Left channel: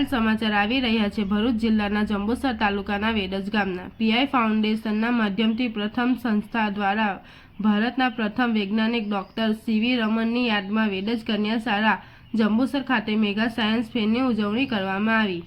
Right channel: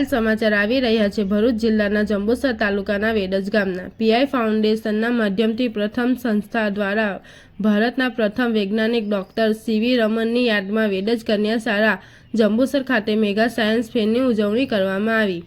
હાલ સમાચાર આવી રહ્યા છે ભરૂચ જિલ્લાના જંબુસર તાલુકાના વેડજ ગામના પીઆઈ ફાઉન્ડેશનના માધ્યમથી પ્રથમ સંસ્થા દ્વારા ભારતના પ્રથમ વૈજ્ઞાનિક ડોક્ટર સીવી રમનની યાદમાં વેડજ કન્યા શાળા જંબુસર ખાતે મેગા સાયન્સ ફેરની ઉજવણી કરવામાં આવી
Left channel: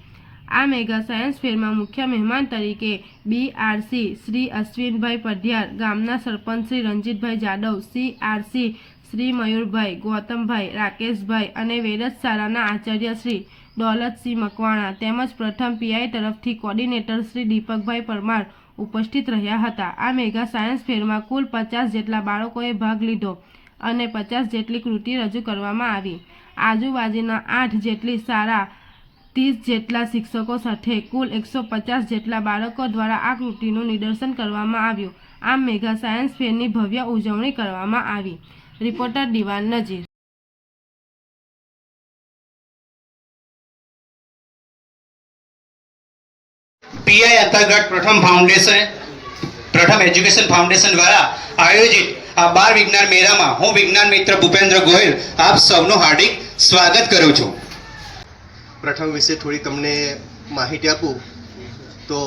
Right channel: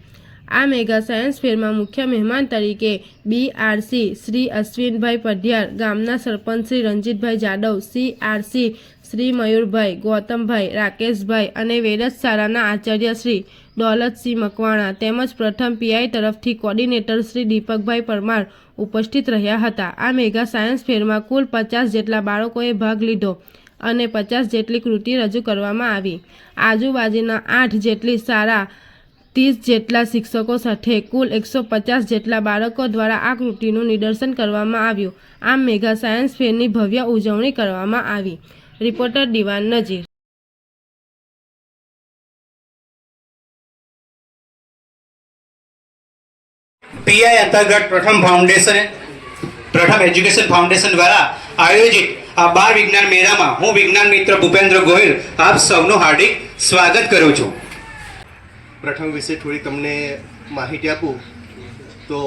આ મેગા સાયન્સ ફેરમાં મુખ્ય મહેમાન તરીકે બીઆરસી શ્રી અશ્વિનભાઈ પઢિયાર ગામના સરપંચ શ્રી રંજીતભાઈ જાદવ સીઆરસી શ્રી મયુરભાઈ ગૌતમભાઈ રાકેશભાઈ અને વેડજ શાળાના આચાર્ય શ્રી દોલતસિંહ મકવાણા તેમજ પ્રથમ પીઆઈ તરફથી કોર્ડિનેટર શ્રી દીપકભાઈ પરમાર ઉપસ્થિત રહ્યા હતા આ મેગા સાયન્સ ફેરમાં કુલ પચાસ જેટલા બાળકોએ ભાગ લીધો અને પચાસ જેટલી કૃતિ રજૂ કરવામાં આવી આજુબાજુના આઠ જેટલી સારા ત્રીસ જેટલા શિક્ષકો સાથે કુલ એકસો પચાસ જેટલા બાળકો દ્વારા આ કૃતિનું નિદર્શન કરવામાં આવ્યું આમ મેગા સાયન્સ ફેરની ભવ્ય ઉજવણી કરવામાં આવી રિપોર્ટર દિવાન નજીર પીઆઈ અંતર્ગત પ્રથમ ફાઉન્ડેશન પ્રથમ એજ્યુકેશન ફાઉન્ડેશન દ્વારા આયોજિત આ બાળ વિજ્ઞાન મેળામાં હું વિજ્ઞાન મિત્ર ભૂપેન્દ્ર ગોહિલ આપ સૌનું હાર્દિક સ્વાગત કરું છું પ્રથમ વિશે થોડી તમને માહિતી આપું તો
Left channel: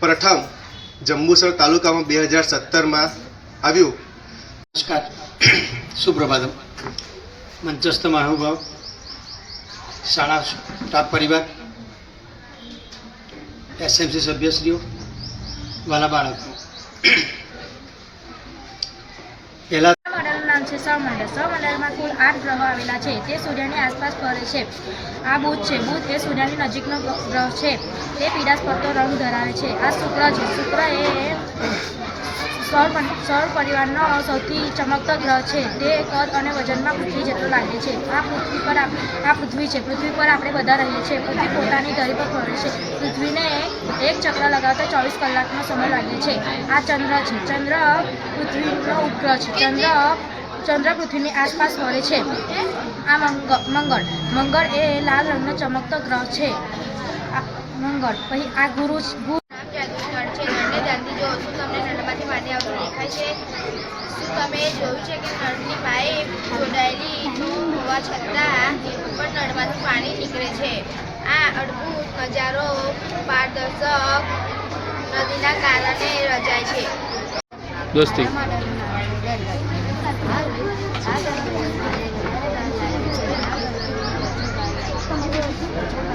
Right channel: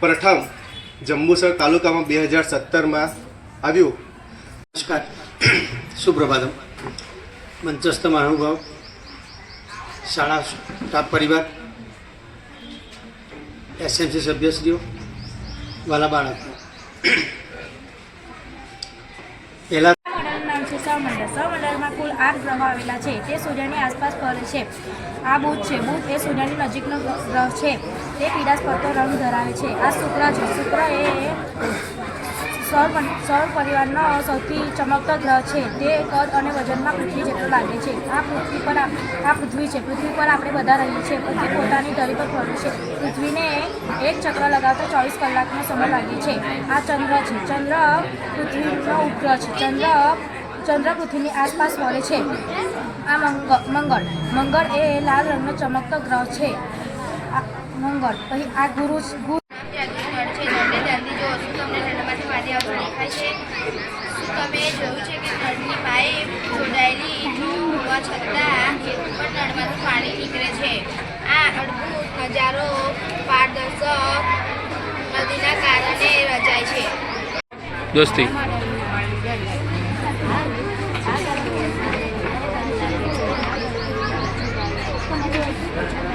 પ્રથમ જંબુસર તાલુકામાં બે હજાર સત્તરમાં આવ્યું નમસ્કાર સુપ્રભાતમ મંચસ્થ મહાનુભાવ શાળા સ્ટાફ પરિવાર એસએમસી સભ્યશ્રીઓ વાલા બાળકો પહેલાં નામ છે સૌમંડળ સૌમંડળમાં કુલ આઠ ગ્રહો આવેલા છે તે સૂર્યની આસપાસ ફરે છે આ બુધ છે બુધ એ સૂર્યની નજીકનો ગ્રહ છે તે પીડાસ્પદનો રંગ ધરાવે છે આ શુક્ર છે શુક્ર એ સૌર સૌર પરિવારનો સૌથી ચમકતો ગ્રહ છે તે કદ અને વજનમાં પૃથ્વી જેટલો લાગે છે આ પૃથ્વી પર આ પૃથ્વી છે પૃથ્વી પર આપણે બધા રહીએ છીએ પૃથ્વી પોતાની ધરી પર ફરે છે પૃથ્વીને એક ચક્ર લગાવતા ચોવીસ કલાકનો સમય લાગે છે આ ચંદ્ર છે ચંદ્ર પૃથ્વીનો ઉપગ્રહ છે ચંદ્ર ચંદ્ર પૃથ્વીની આસપાસ ફરે છે આ મંગળ મંગળ એ લાલ રંગનો ચમકતો ગ્રહ છે મંગળ પછી આ ગુરુ છે શું તમે જોયું છે કે નળની પાઇપ જોડાયેલી ન હોવા છતાં પણ નળમાંથી પાણી નીકળે છે આ અડધું હજારો પારદર્શક નદીના કારણે રચાય છે દોસ્તી Thank you.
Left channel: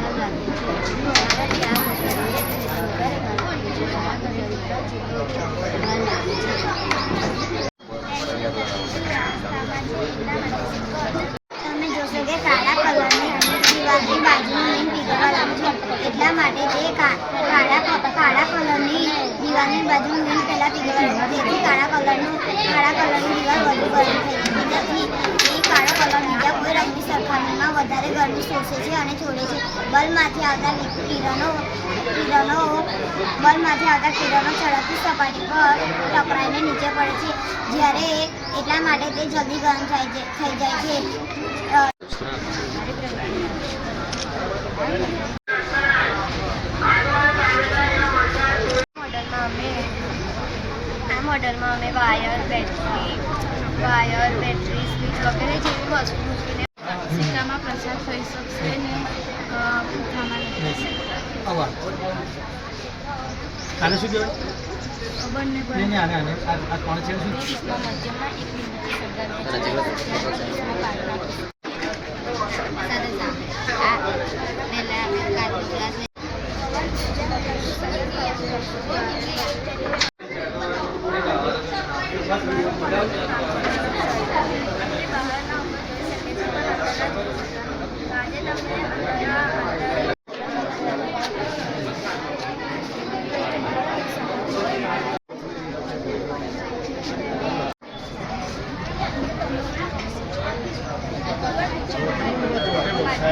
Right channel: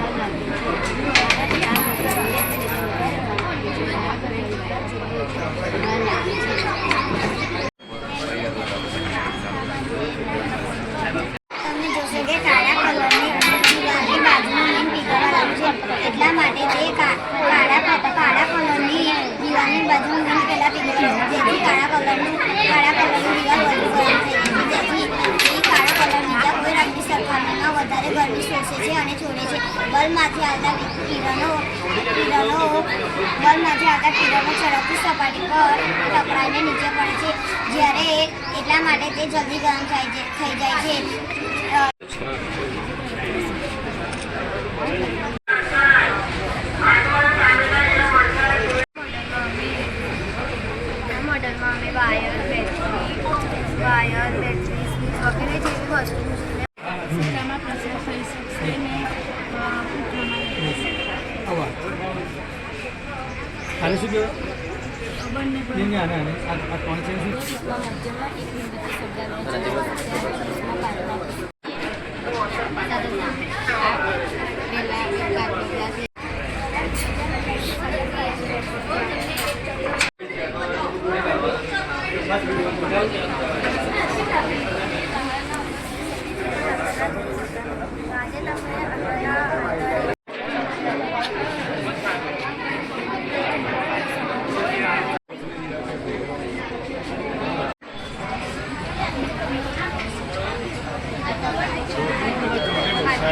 બલમાંથી આવતા કિરણો કિરણો બલમાંથી આવતા કિરણો ઝડપથી સપાટી પર ટકરાઈને નીચે પડે છે જ્યારે એટલા માટે તે જલ્દી ગરમ થાય છે થઈ જાય છે મોડલમાં અમે વાયર બેટરી વાયર બેટરી વગેરે જેવી વસ્તુ આને શું કહેવાય બંને નહીં, નહીં, આને આને આ આ કોણ છે શું આજે તમને અંદરના